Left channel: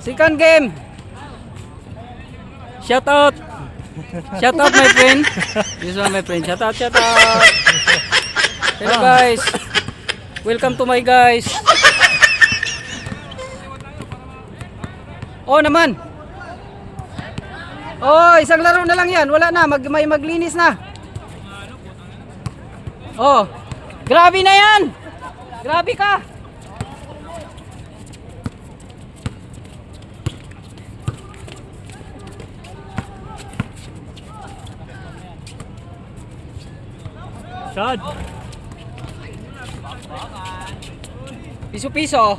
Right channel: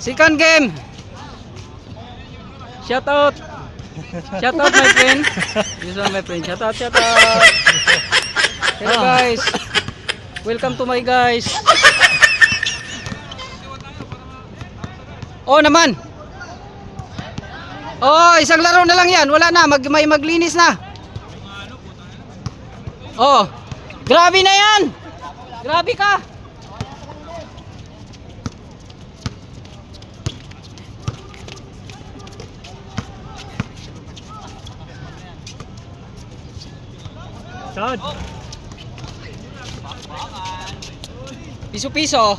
Second game. Shout out. Shout out my friend. This one my friend. Shout out, shout out. Hello guys. Welcome to my guys. Oh naman. Oh, isang laro na lang yan. Wala na, may maglinis na. Oh. Grabe na yan. Grabe ka. Shot. Piso-piso.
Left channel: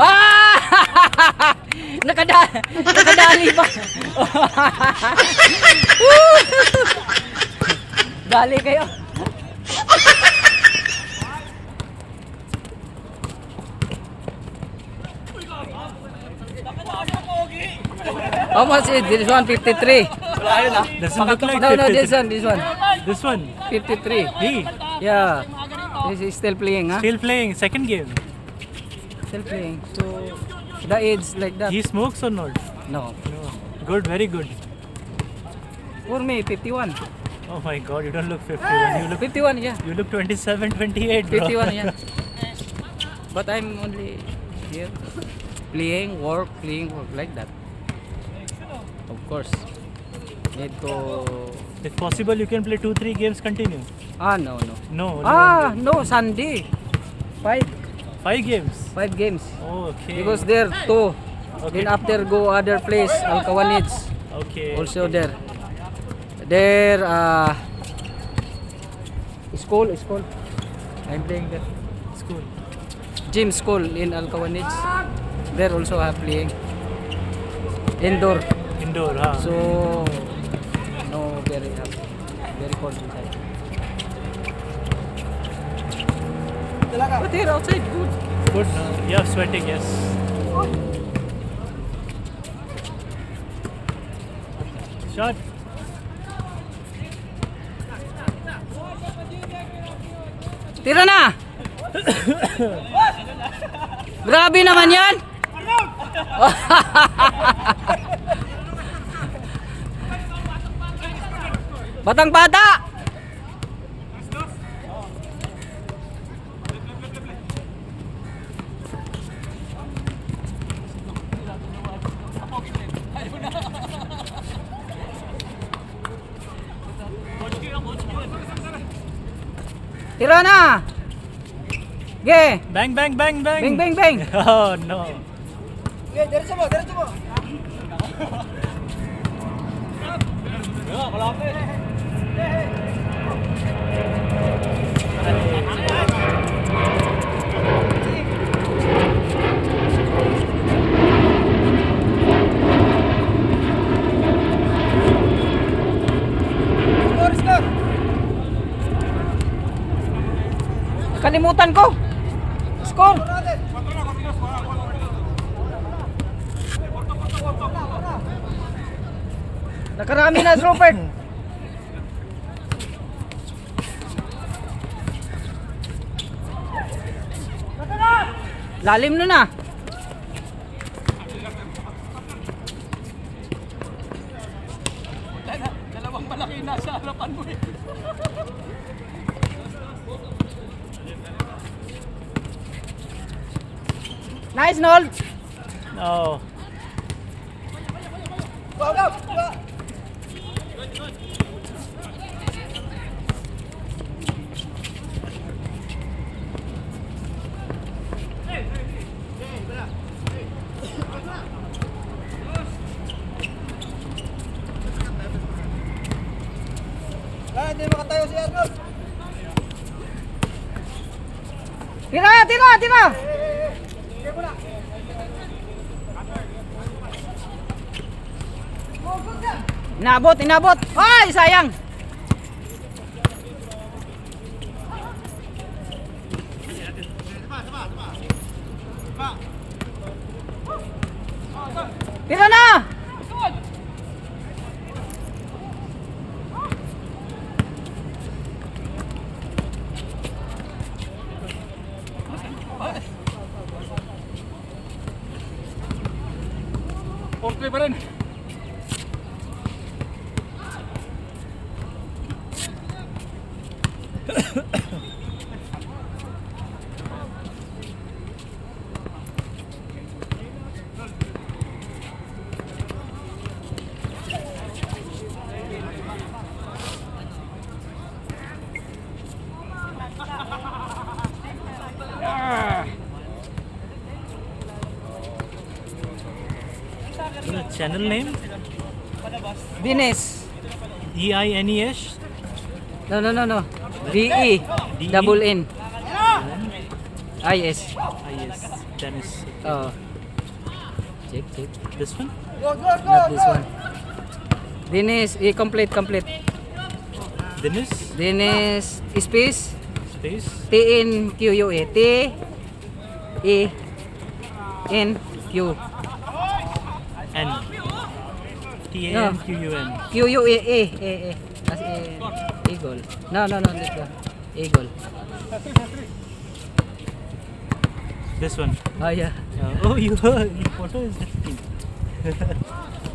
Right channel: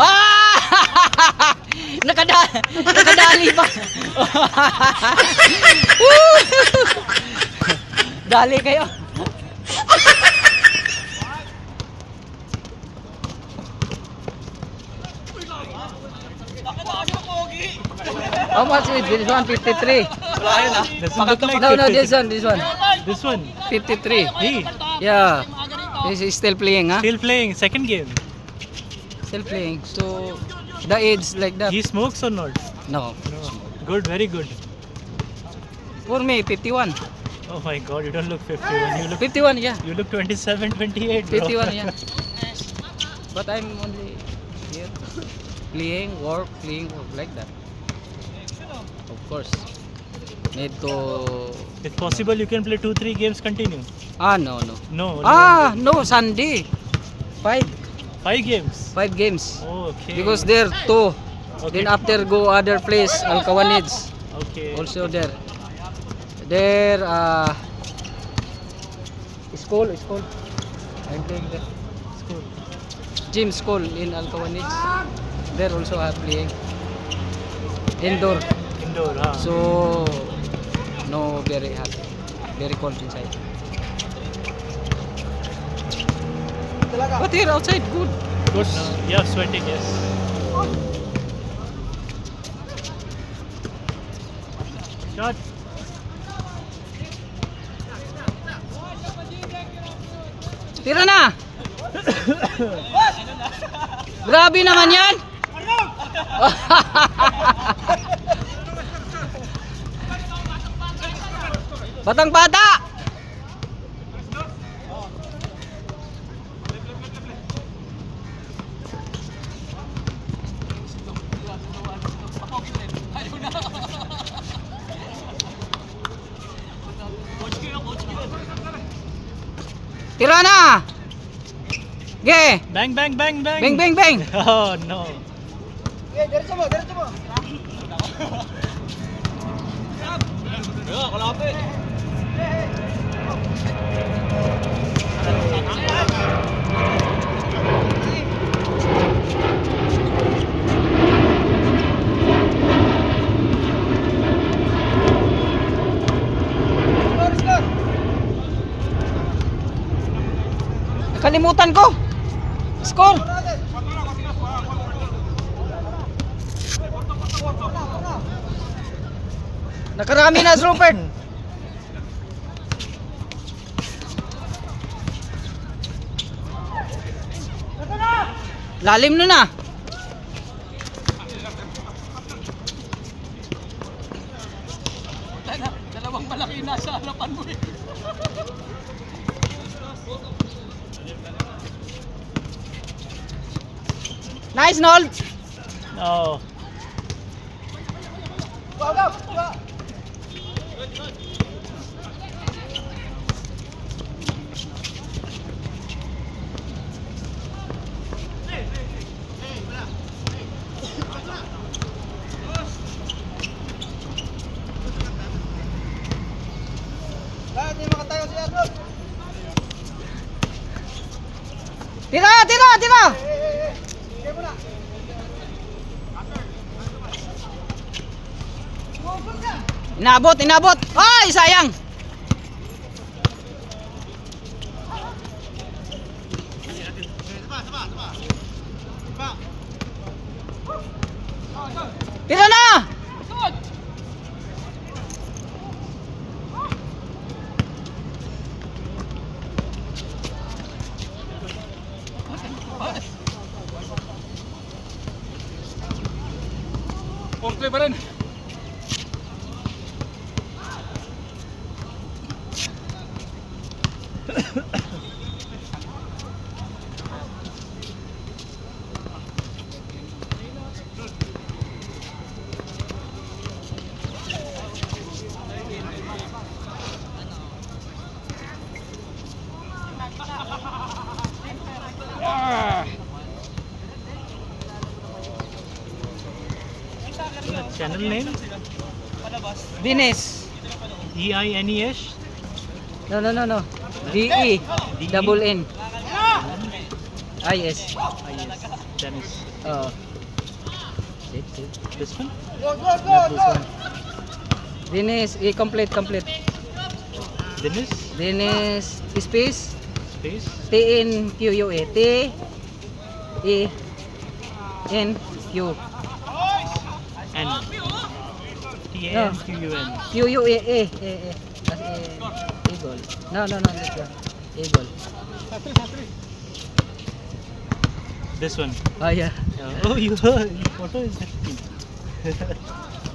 Ah! Nakadali pa. Dali kayo. How much is this one? 53. Doesn't look like No, 53. this one. This one. 53. He Yeah. This is still playing, huh? still playing second game. Still playing. So the age like that. He smokes or not? No. No. Good, very good. For me, 51. Oh my God, you don't look 51. 51, yeah. You look 27, 28. Bro. 51, yeah. But I'm only here playing work like that. Of course. Need to. If possible, you can play 2-3 games continue. No. No. Only one game. No, Sunday. 5 5 games. games. Okay. Because there 2. Okay. Then after go other place, Alcawanits. Okay. Also there. There school. I'm playing there. School. Gym school in Alcawanits. There also I'm playing. Indoor. Indoor. Huh? So no very hot. Very cold inside. But here outside good. Good. Yeah, sweating. Yes. Shot. Tira na! Grabe naman yan! Batang bata! Tira na! Ge! Bang, bang, bang, bang. Bang, bang, bang! Oh no. Diretso mo! Kalimutan ko! Score! Nakarami na, Rupert! Lalim na na! Dalawang malaki na sa harapan mo eh. Nice, Noel! No. Tira! Inabot! Ay, sayang! Tira na! Post play pa rin. Channel name? Dines. EINES? No. DE. Double N. IS. Yes. Dennis. Oh. Check. This one? Not this one. Dines, complete. Dennis? Dines, space, Space? TNQUA. T-E-N-Q. N. TANQUN. QUA. As Eagle. No, this one. Eagle. This one. Oh, yeah. Oh, you heard. Your photo is different.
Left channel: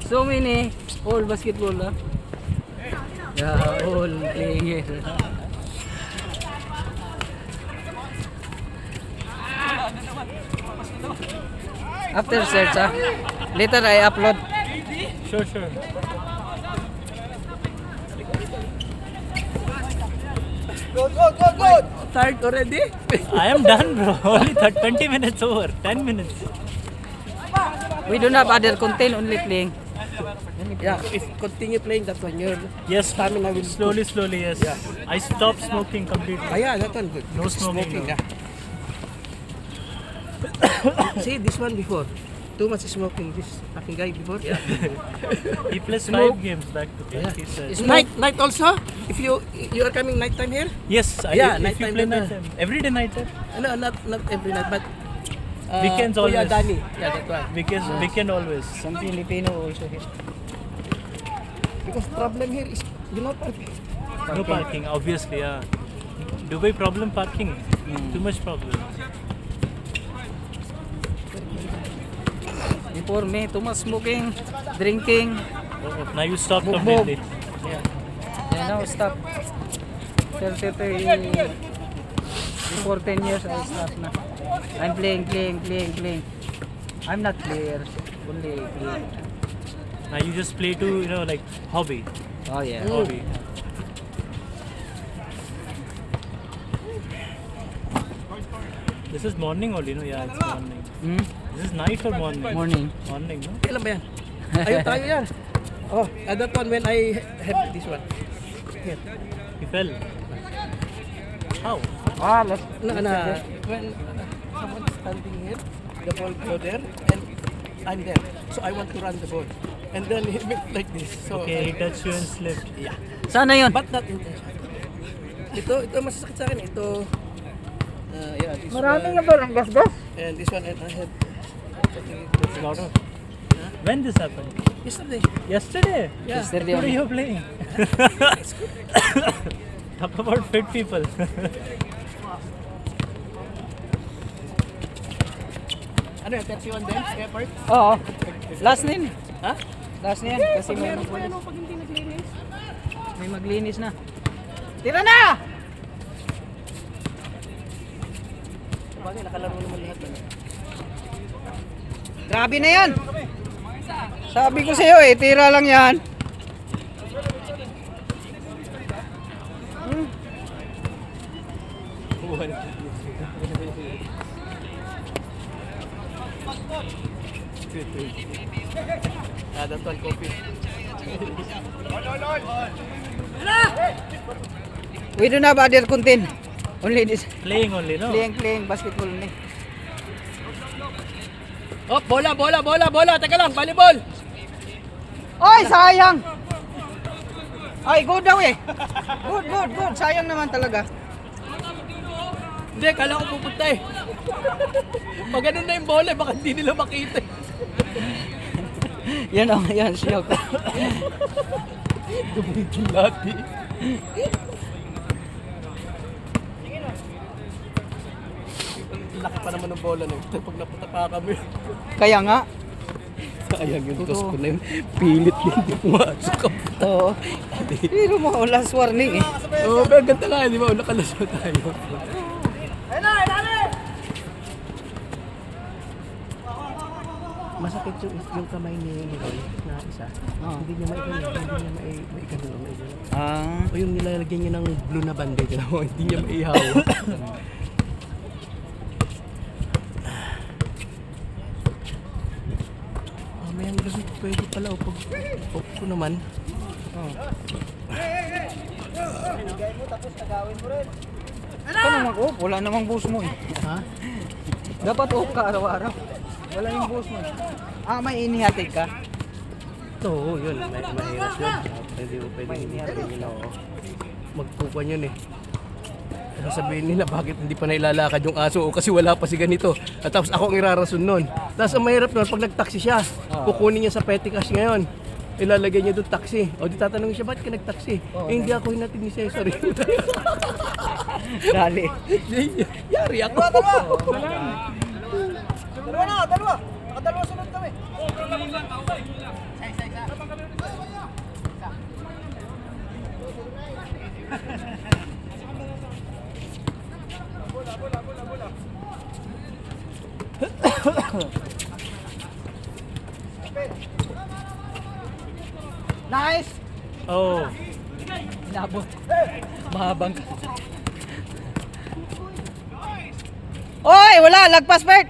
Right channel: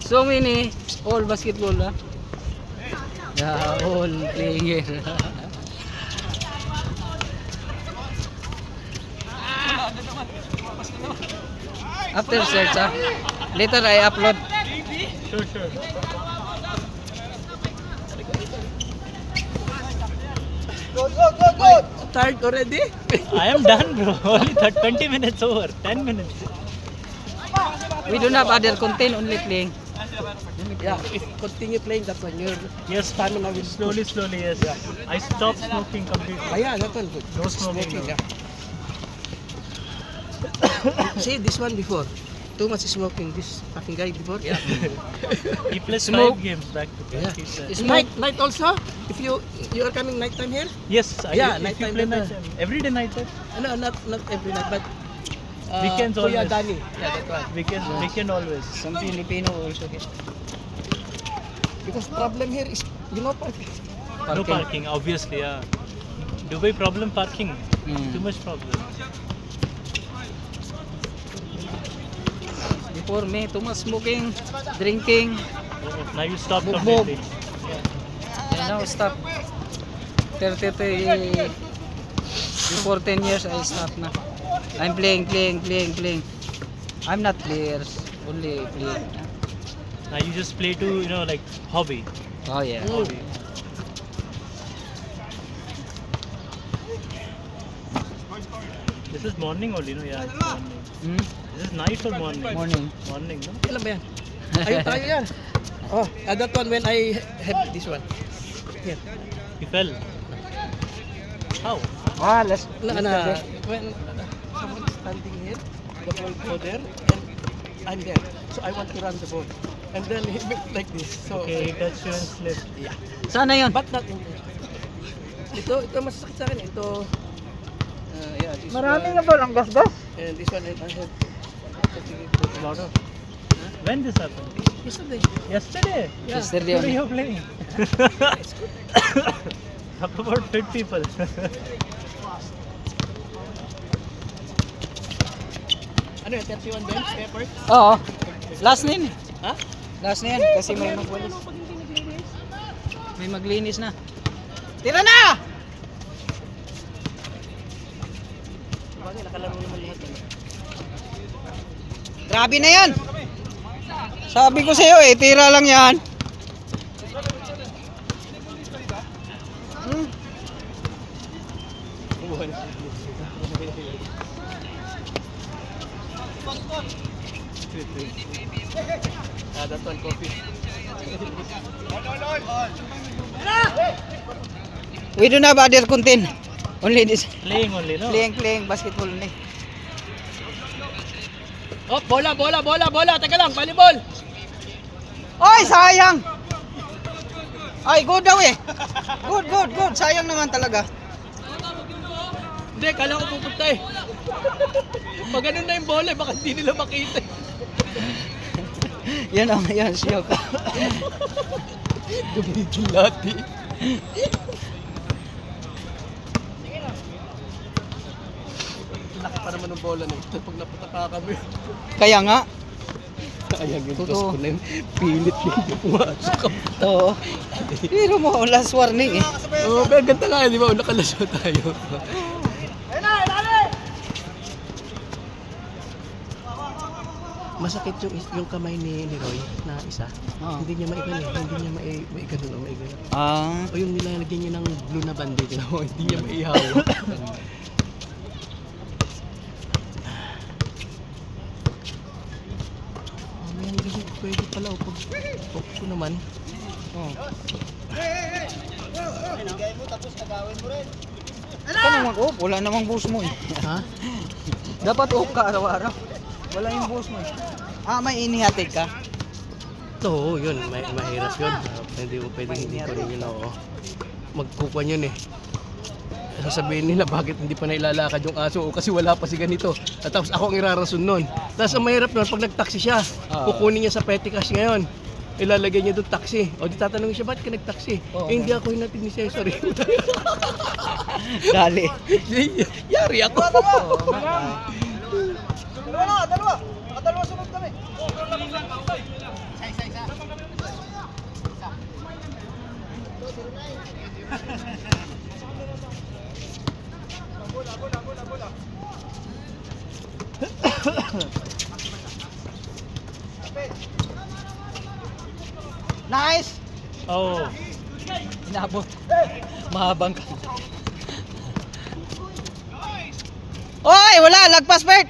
So many all basketball, no? Yeah, all player. After search, later I upload. Sure. Tired already? I am done, bro. Only 20 minutes over. 10 minutes. We don't have other content, only playing. Yeah, if continue playing that one, your Yes, stamina will slowly, yes. I stopped smoking completely. yeah, that one good. No smoking. Yeah. See this one before. Too much smoking. This fucking guy before. Yeah. He plays Smoke. 5 games back to back. he said. It's night also. If you are coming night time here. Yes, Yeah, if night you time play dinner. night time. Every day night time. No, not every night, but Weekends Kuya always. Danny. Yeah, that one. Weekend always. Some Filipino also here. Because problem here is parking. No parking, obviously, yeah. Dubai problem parking. Mm. Too much problem. Before me, too much smoking, drinking. Now you stop Bugbog. completely. And now stop. 30, before 10 years, I stop na. I'm playing. I'm not player, only player. Now you just play to, like hobby. Oh yeah. Hobby. This is morning only, no? Yeah, it's morning. Hmm? This is night or morning? Morning. Morning, no? Kailan ba yan? Ayun tayo yan. Oh, that one when I have this one. Yeah. He fell. How? Last. When someone is standing here, the ball go there, and I'm there. So I want to run the ball. And then he looked like this. So, Okay, he touched you and slipped. yeah. Sana yun? But not intentional. Ito masasakit sa akin. Ito, yeah, this Maraming one. na ba ang gasgas? And this one, and I have A lot of. When this happened? yesterday. Yesterday. Yeah. Yesterday What are only. you playing? Talk about fit people. Ano yung 31 bench, pepper? Oo. Last na yun. Ha? Last na yan. Kasi may maglinis na. Tira na! Sabagay, nakalaro naman lahat. Grabe na yan. Sabi ko sa'yo tira lang yan. That one, coffee. We don't have other content. Only this. Playing only, no? Playing basketball ni. Oh, bola. Teka lang, volleyball. Oy, sayang. Ay, good daw eh. Good. Sayang naman talaga. Hindi, kala ko pupunta eh. Pag ganun na yung bola, baka hindi nila makita. Yan siya ko. Dumidulati. Laki pa naman ng bola na ito pag napunta pa kami. Kaya nga. Sayang yung Totoo. toss ko na yun. Pilit yun. Pumasok ka. Oo. Pero mo, last warning eh. Oo, pero ganda nga, di ba? Nakalasyo tayo. Masakit yung kamay ni Roy na isa. Hindi niya maigano. Hindi niya maigano. O yung nilalagyan niya ng blue na bandage. Hindi niya maihaw. May kasi pwede pala upag ko naman. Ito naman ko, wala namang boss mo eh. Ha? Dapat off ka araw-araw. Wala yung boss mo. May inihatid ka? Oo, yun. Mahirap yun. Hindi mo pwedeng hindi pa rin yun. Magpupuan yun eh. Sasabihin nila bakit hindi pa nailalakad yung aso o kasi wala pa si ganito. At tapos ako ang irarason nun. Tapos ang mahirap nun, pag nag-taxi siya, kukunin niya sa petty cash ngayon. Ilalagay niya doon taxi. O di tatanungin siya, bakit ka nag-taxi? Hindi ako hinatid ni Cesar. Dali. Yari ako. Nice! Oh, Inabot. Mahabang ka. Oy! Wala! Lagpas, Bert!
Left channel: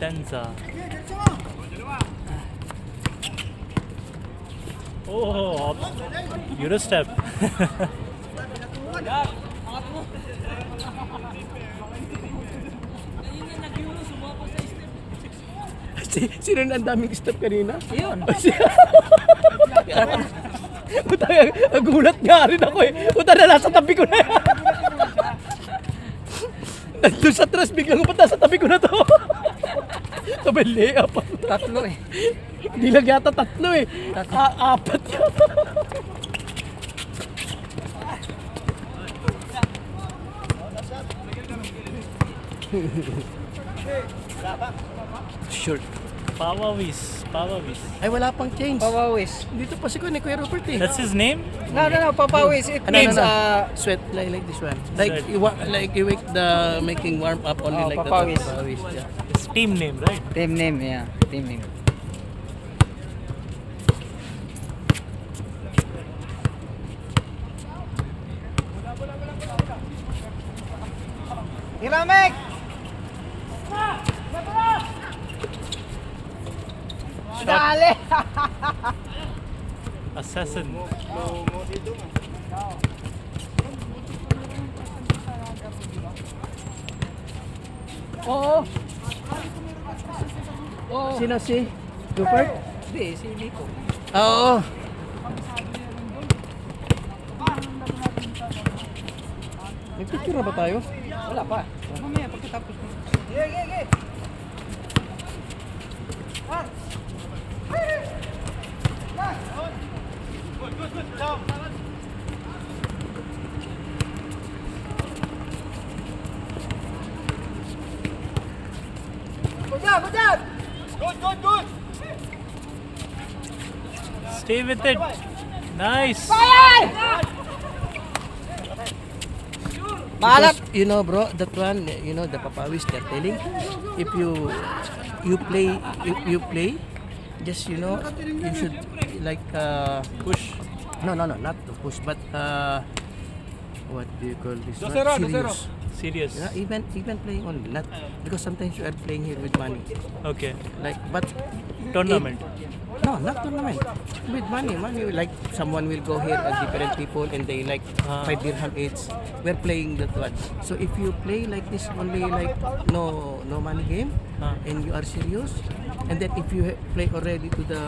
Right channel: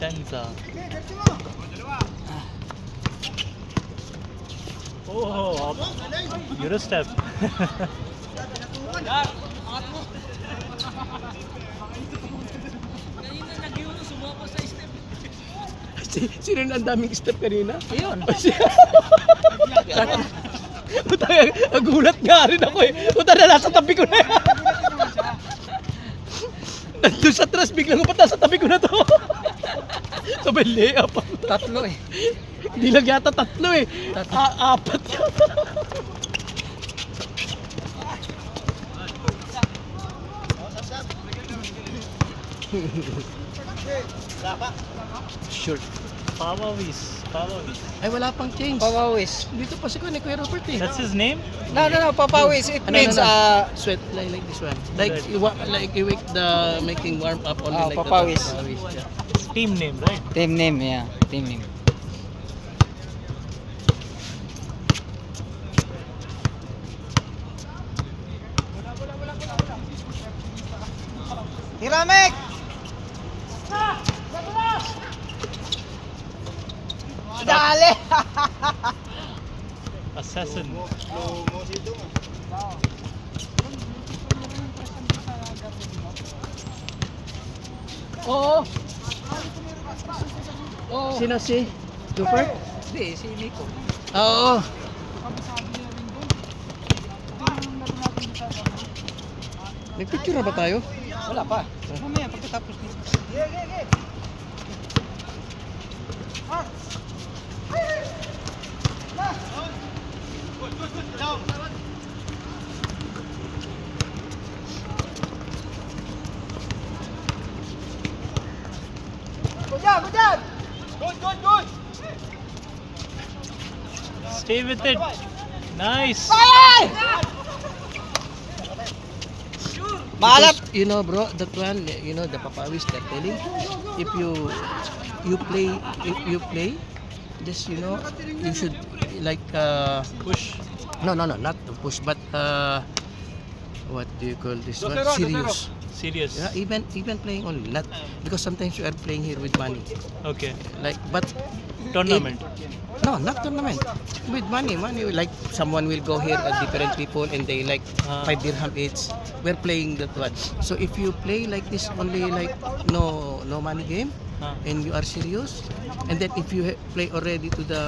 Tenza. Oh, Eurostep. Sino na ang daming step kanina? Yun. Nagulat nga rin ako eh. Puta na, nasa tabi ko na yan. Nandun sa tres, biglang puta sa tabi ko na to. Sabay layup. Tatlo eh. Hindi lang yata tatlo eh. Apat yata. Sure. Pawawis. Ay, wala pang change. Papawis. Dito pa si Kuya Robert eh. That's his name? No, papawis. It means, Sweat like this one. Like Sweat. you make the making warm up only like papawis. that. Papawis. Yeah. His team name, right? team name, yeah. Team name. Hiramek! Dali! Assassin. Oo. Sino si Rupert? Hindi, si Nico. Oo. Nagpicture na ba tayo? Wala pa. Mamaya, pagkatapos nito. Stay with it. Nice. Maalap! Because, you know bro, that one, you know the papawis they're telling, if you play, just you know, you should like Push. no, not to push, but what do you call this one? Serious. Serious. Yeah, even playing only, not because sometimes you are playing here with money, Okay. like but Tournament. no, not tournament. With money, like someone will go here, different people, and they like 5 dirham each. We're playing that one. So if you play like this only like no money game, and you are serious, and then if you play already to the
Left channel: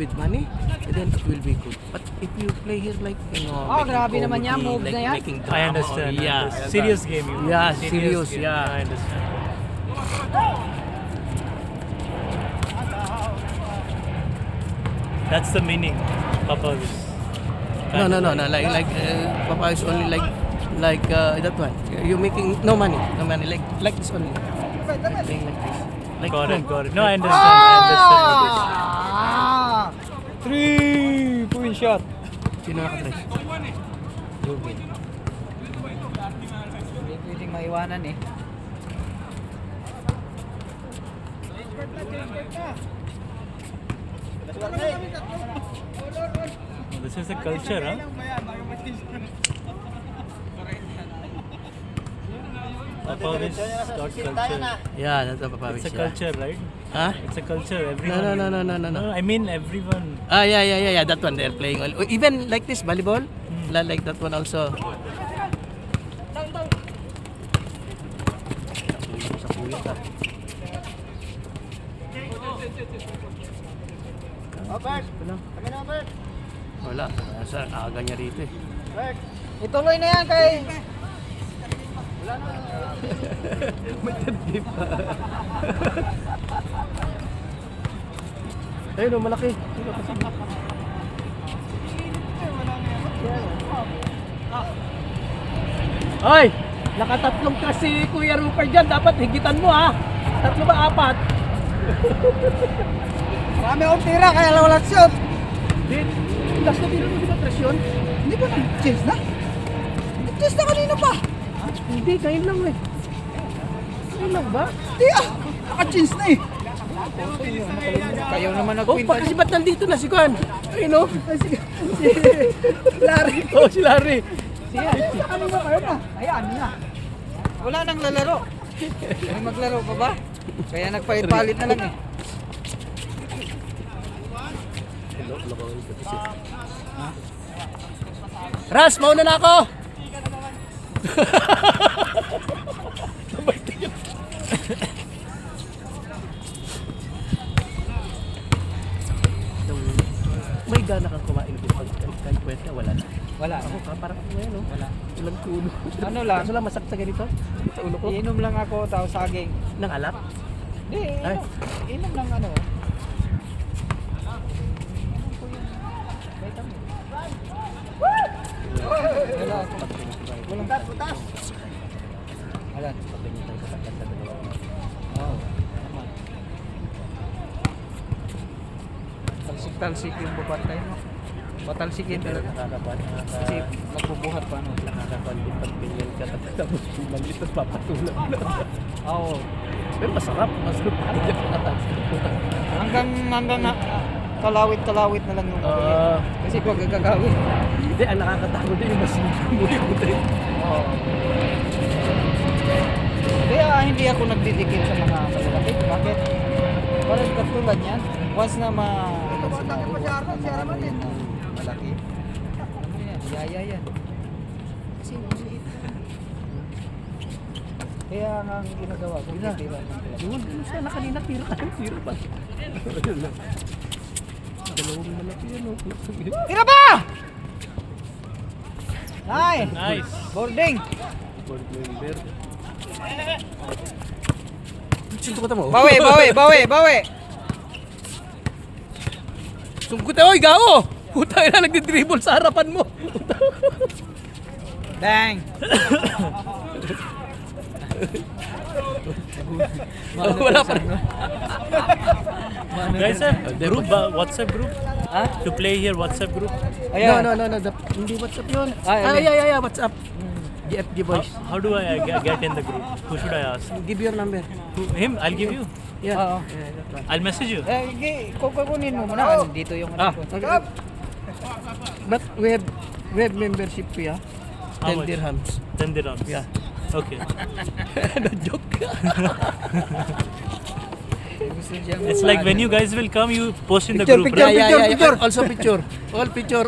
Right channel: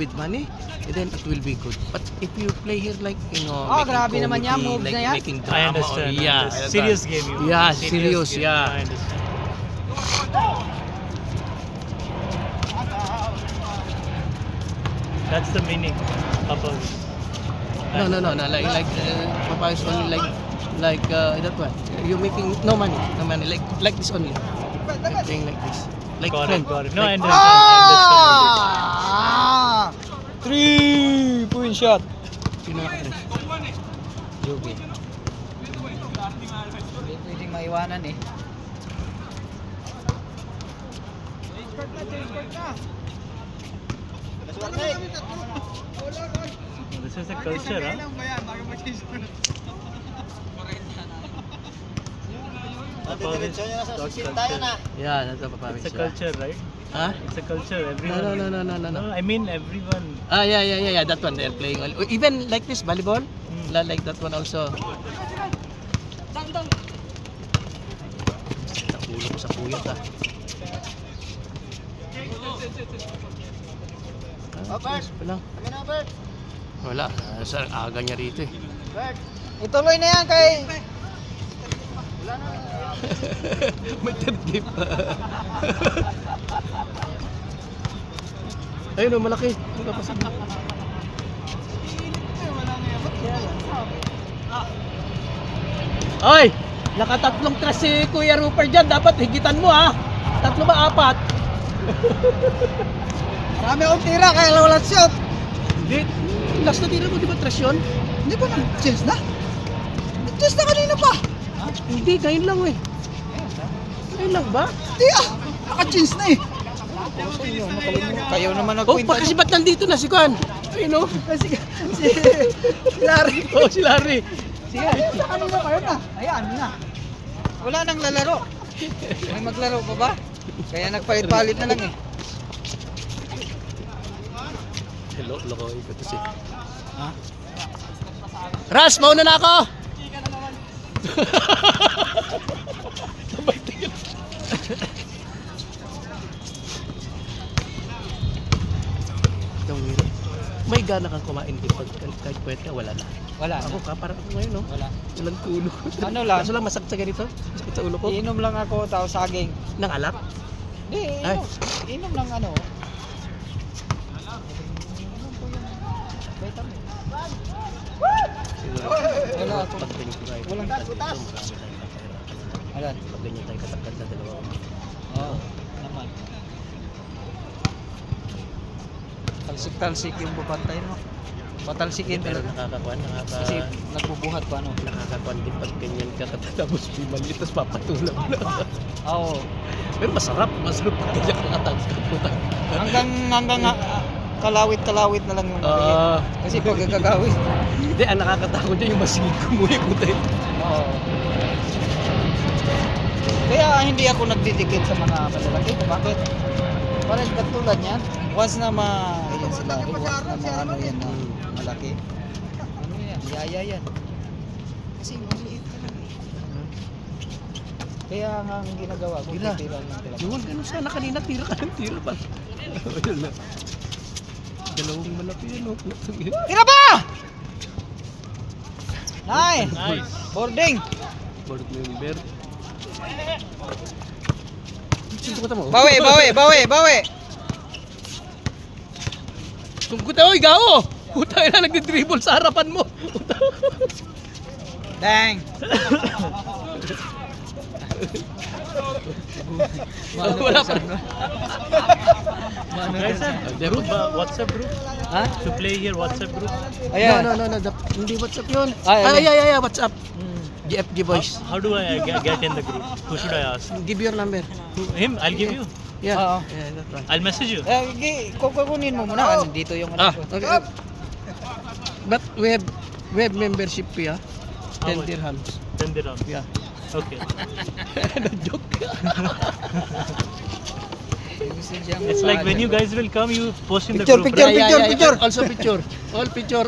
with money, then it will be good. But if you play here like making grabe naman yan, comedy, moves like na yan. making I understand. I Yeah, understand. Serious game, you mean. Yeah, serious, game. yeah. I understand. That's the meaning of all this. No. Like Papa is only like Like that one. You're making no money. Like this only. Like playing like this. Like Got friend. it, got it. No, I understand. I understand what it is. 3-point shot. Sino nakatry? Go, go. Hindi pwedeng maiwanan eh. This is a culture, huh? Papawis got culture. Yeah, that's a papawis. It's a culture, right? Huh? It's a culture. No, Everyone. no. I mean, everyone. Yeah. That one they're playing. Even like this volleyball, like that one also. Sa kuya ka. Wala. Sa aga niya rito eh. Ituloy na yan kay... May tip. Ayun oh, malaki. Ito pa sa Ay! Nakatatlong crush si Kuya Rupert dyan. Dapat higitan mo ha. 3 ba 4? Marami akong tira kaya walang shot. Hindi. Last na tira mo di ba crush yun? Hindi ba nag-chase na? Nag-chase na kanina pa. Hindi, ngayon lang eh. Ngayon lang ba? Hindi ah. Naka-chase na eh. Kayo naman Oh, kasi ba't nandito na si Kwan? Ayun oh. Si Larry. Oh, si Larry. Sige, sa kanina kayo na. Ayan na. Wala nang lalaro. May maglaro pa ba? Kaya nagpalit-palit na lang eh. Hello, Ras, mauna na ako! Sabay tingin. May gana kang kumain dito kahit kwenta, wala na. Wala Ako ka, parang ngayon no? Wala. Walang tulo. Ano lang? Kaso lang masakit sa ganito. Masakit sa ulo ko. Iinom lang ako tapos saging. Nang alak? Hindi, Ay. inom lang ano. Vitamin. Ano ako? Walang tatas. Ayan. Ganyan tayo kasaktan na dalawa. Oo. Talsik-talsik yung bubantay mo. Patalsikin Pero pero nakakakuan. kasi nagbubuhat pa ano. Nakakakuan din pag ganyan ka tapos bumalik tapos papatulan. Oo. Pero masarap pag ganyan ka tatapos. Hanggang kalawit-kalawit na lang yung Ah. kasi gagagawin. Hindi, ang nakakatakot din yung masigit kumuhi ko tayo. Oo. Kaya hindi ako nagdidikit sa mga malalaki. Bakit? Parang katulad niyan. Once na ayan sila. Ano yan na malaki. Ano yan? Yaya yan. Kasi maliit. Kaya nga ang ginagawa ko. Tira. tira. Yun, ganun sana kanina tira ka ng tira pa. Ayun lang. Dalawang malaki yan o. Tira ba? Nice! Nice. Boarding! Board member. Sinto ka mo? Bawi! Sungkot oy, gao! Puta na nagdi-dribble sa harapan mo. Dang! Wala pa. Guys, group, WhatsApp group? Ha? To play here, WhatsApp group? Ayan. No. Hindi WhatsApp yun. Ay, Ay, WhatsApp. GFG boys. How do I get in the group? Who should I ask? Give your number. Him? I'll give you. Yeah. Oo. Yeah, that one. I'll message you. Kukunin mo muna. Dito yung Ah, ano ko. okay. But we have membership fee, ah. How 10 much? dirhams. 10 dirhams. Yeah. Okay. Joke. Gusto diyang It's like when you mapaano. guys will come, you post in the Picture, group, picture. right? Picture. Also picture.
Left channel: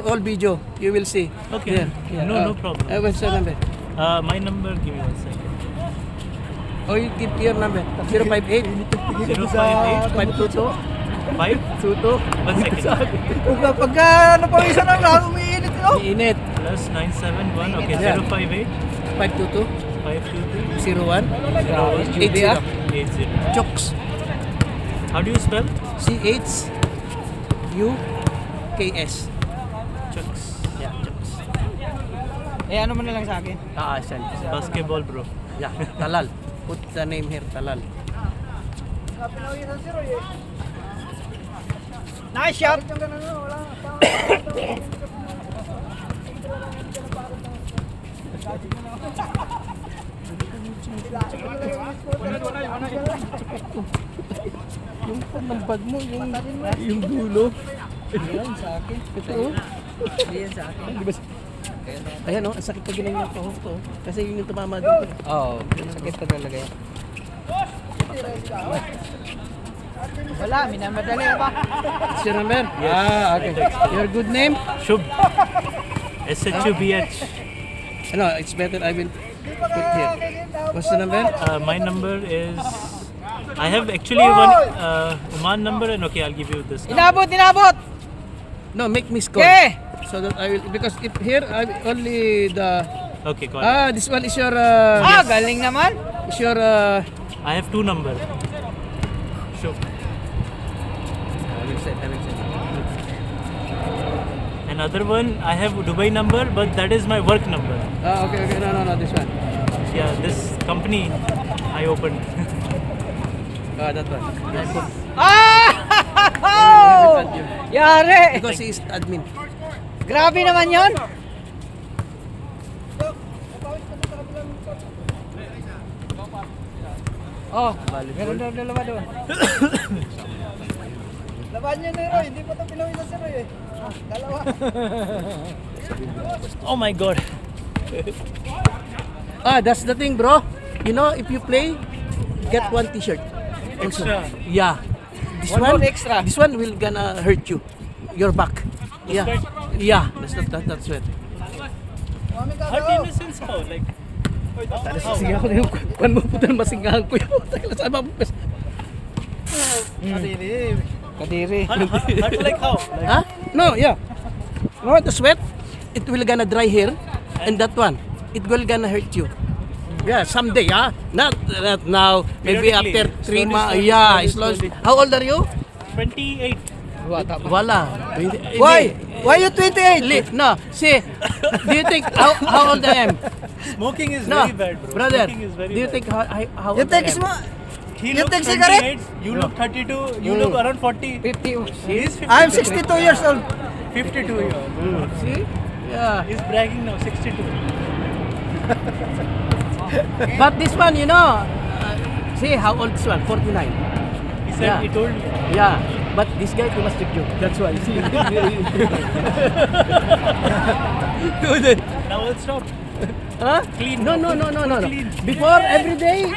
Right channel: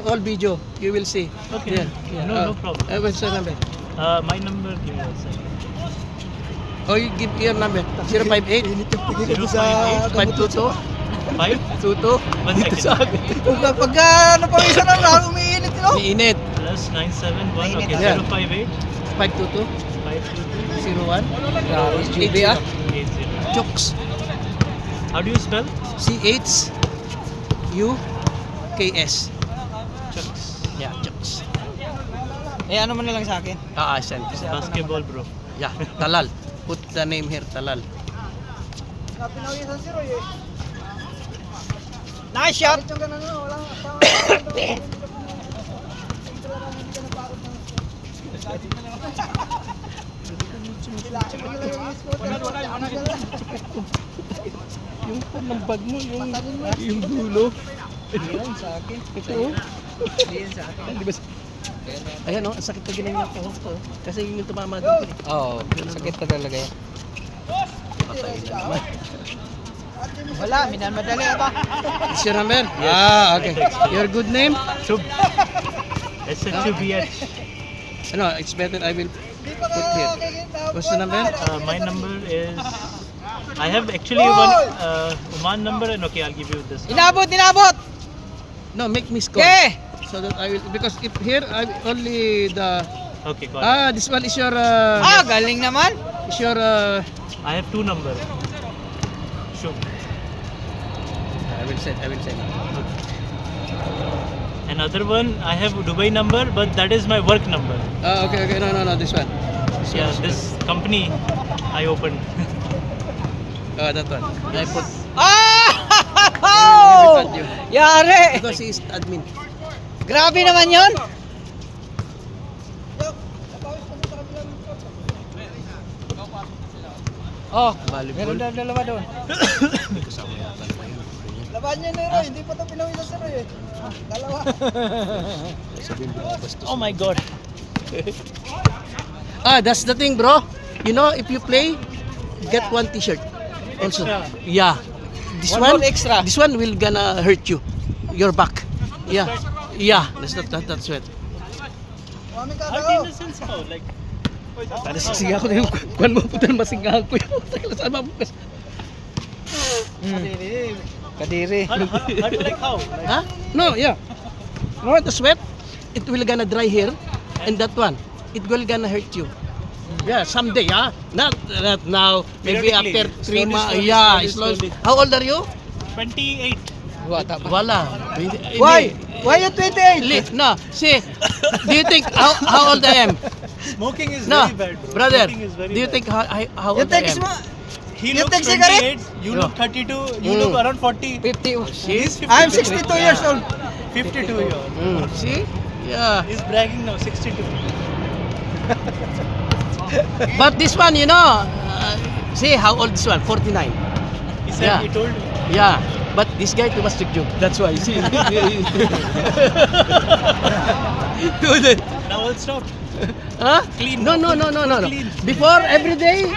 All video. You will see. Okay. No problem. What's your number? My number, give me a second. Oh, you give your number. 058 058 522 5? 22. 1 second. Pag ano pa isa lang lang, umiinit mo. Iinit. Plus 971. Okay, Yeah. 058 522 522 01 Grabe, Judy ah. 80. Chooks. How do you spell? CHUKS. Chucks. Yeah, Chooks. Eh, ano mo na lang sa akin? Send ko sa'yo. Basketball, bro. Yeah, Talal. Put the name here, Talal. Nice shot! Yung pan ng bag mo, yung dulo. Yan sa akin. Ito. Yan sa akin. Di ba? Ayan ang sakit pag ginanyan ko. Kasi yung tumama doon. Oo, sakit ka talaga yan. Wala, minamadali ba? Is your number? Okay. Your good name? Shubh. SHUBH. No, it's better I will put here. What's the number? My number is. I have actually one Oman number, and okay, I'll give you this. Inabot! No, make me score. Okay! So that I will, because if here I only the, Okay, got it. this one is your, Galing naman! is your, I have two numbers. Shubh. I will say. Another one, I have Dubai number, but that is my work number. Okay, no, this one. Yeah, this company I opened. That one. I put, Oh! add you. Yari! Because he is admin. Grabe naman yun! Oh, meron na dalawa doon. Laban niya na Roy, hindi pa ito pinawin sa Roy eh. Dalawa. Oh my god. That's the thing, bro. You know, if you play, get one t-shirt. Also, yeah. This One one, more extra. This one will gonna hurt you, your back. Yeah, That's it. Hurt in the sense how? Like, Sige ako na yung kuhan mo putan masingahan ko yung saan ba? Kadiri. hurt like how? Like, Huh? No, yeah. No, the sweat, it will gonna dry here, and that one, it will gonna hurt you. Yeah, someday, not now. Maybe Periodically. after 3 months. Slowly, Yeah, slowly. slowly. How old are you? 28. Wala. Why? Why you 28? No, see, do you think how old I am? Smoking is No, very bad, bro. brother, Smoking is very do you bad. think how You old take I am? small. He you looks take cigarette? 28, you look 32, you look around 40. 50. He's 52. I'm 62 years old. 52 years old. See? Yeah. He's bragging now, 62. But this one, see how old this one? 49. He said, Yeah. he told me. Yeah. But this guy too much joke. That's why. See? Now I'll stop. Huh? Clean. No. Clean. Before every day,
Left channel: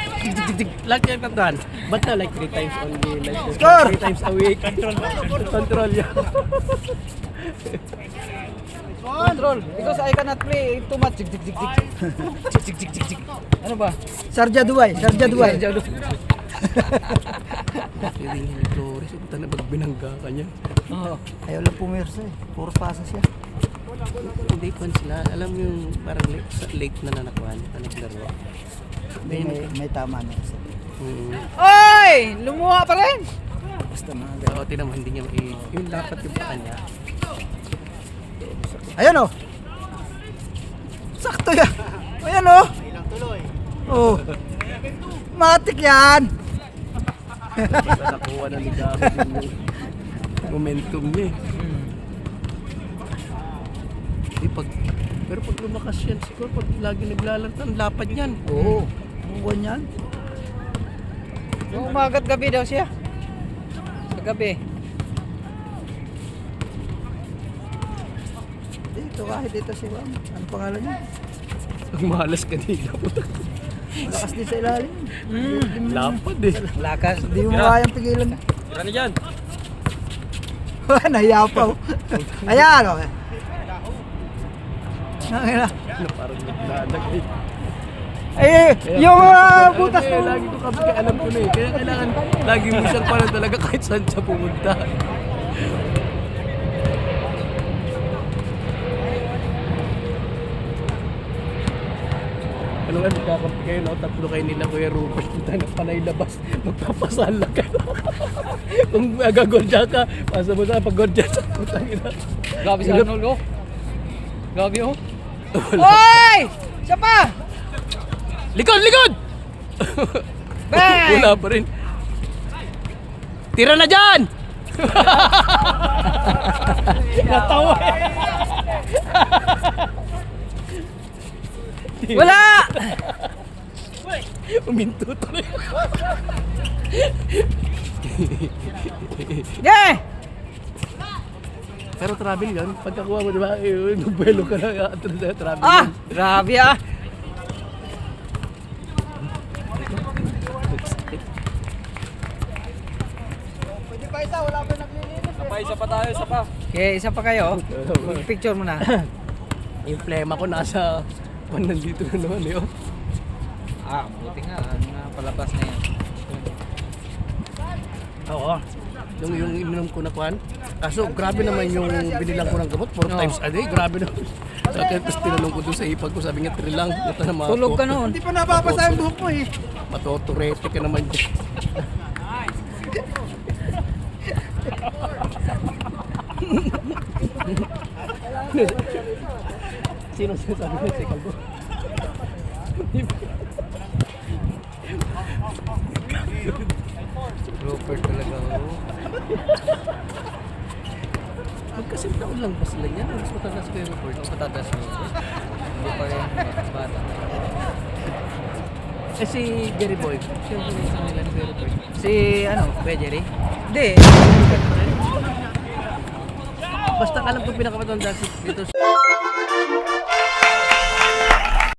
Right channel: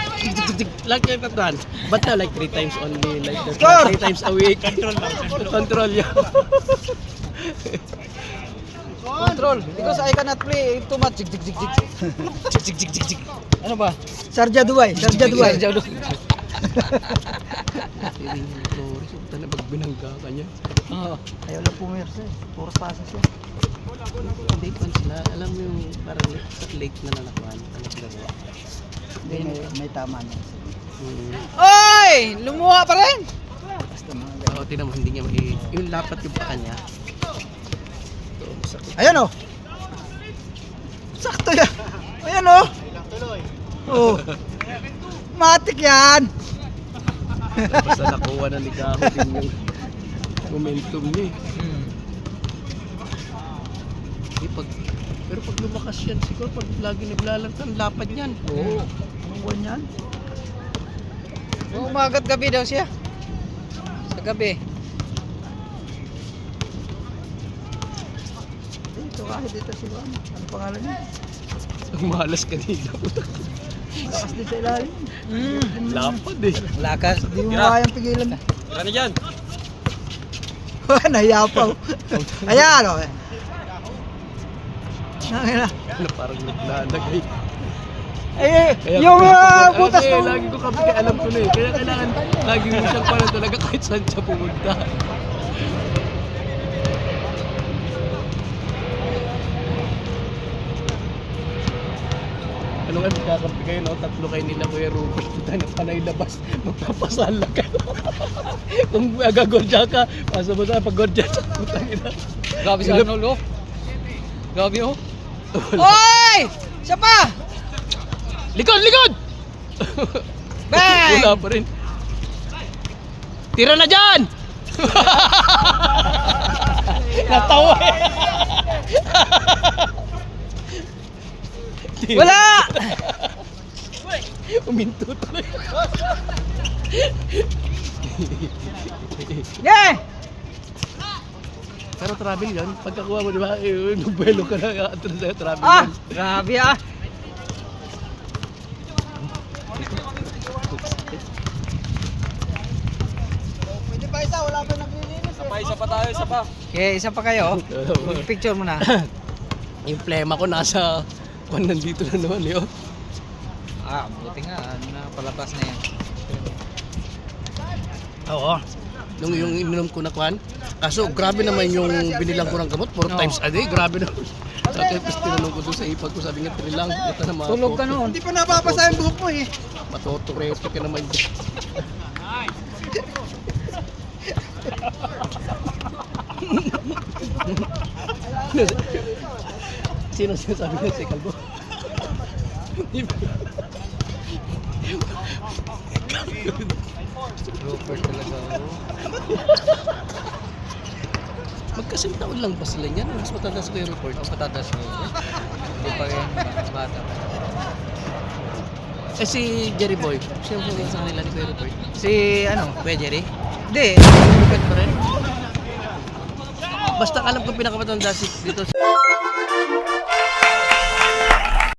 like that one. But now like 3 times only, like that. Score! 3 times a week. Control, yeah. Control. Because I cannot play too much. Jig. Ano ba? Sarja Duway. Flores, ito na pagbinangga ka niya. Oo. Ayaw lang pumirsa eh. Puro pasa siya. Hindi pa sila, alam mo yung parang late na nanakuhan, naglaro. May tama niya. Hmm. Oy! Lumuha pa rin! Basta mga Oo, tinan mo, hindi niya yung dapat yung pata niya. Ayan o. Sakto yan. Ayan o. Oh. Matik yan. Basta nakuha na ligamit yung momentum niya eh. Pero pag lumakas yan, siguro pag lagi naglalaro, ang lapad yan. Oo. Ang buwan yan. Umagat gabi daw siya. Sa gabi. Dito kahit dito sila. Ano pangalan niya? Ang malas kanina. Lakas din sa ilalim. Lapad eh. Lakas. Hindi mo kayang pigilan. Ano dyan? Nahiyapaw. Ayan o. Nangina. Parang naglalagay. Yung butas Kaya ng... lagi ko kapag alam ko na eh. Kaya kailangan lagi mo siyang pala talaga kahit saan siya pumunta. Ano nga, magkakampi kayo, no? Tatlo kayo nila, Kuya Rupert. Kita na panay labas, magpapasala ka. Kung gagordya ka, pasa mo sa pag-gordya sa putang ina. Grabe si Arnold oh. Grabe oh. Oy! Siya pa! Likod, likod! Bang! Wala pa rin. Tira na dyan! Natawa eh. Wala! Uminto tuloy. Yeah! Pero travel yun. Pagkakuha mo, di ba? Nagbuelo ka na. Travel Ah! yun. Grabe ah! Okay, isa pa kayo. Picture mo na. Yung plema ko nasa nandito na naman yun. Ah, buti nga. Napalabas na yan. Oo. Yung ininom ko na kwan. Kaso grabe naman yung binilang ko ng gamot 4 times a day. Grabe naman. Sa tapos tinanong ko doon sa ipag ko, sabi niya 3 lang. Ito na mga Tulog ka noon. Hindi pa nababasa yung buhok mo eh. Matoturete ka naman dyan. Sino sinasabi ko si Calvo? Rupert talaga oh. Magkasing taon lang ba sila yan? Mas matanda sa kayo report. Ang patatas mo. Hindi pa yan bata. Eh si Jerry Boy, sino po sa kanila ni Kuya Report? Si ano? Kuya Jerry? Hindi. Basta alam ko pinakamatanda dito.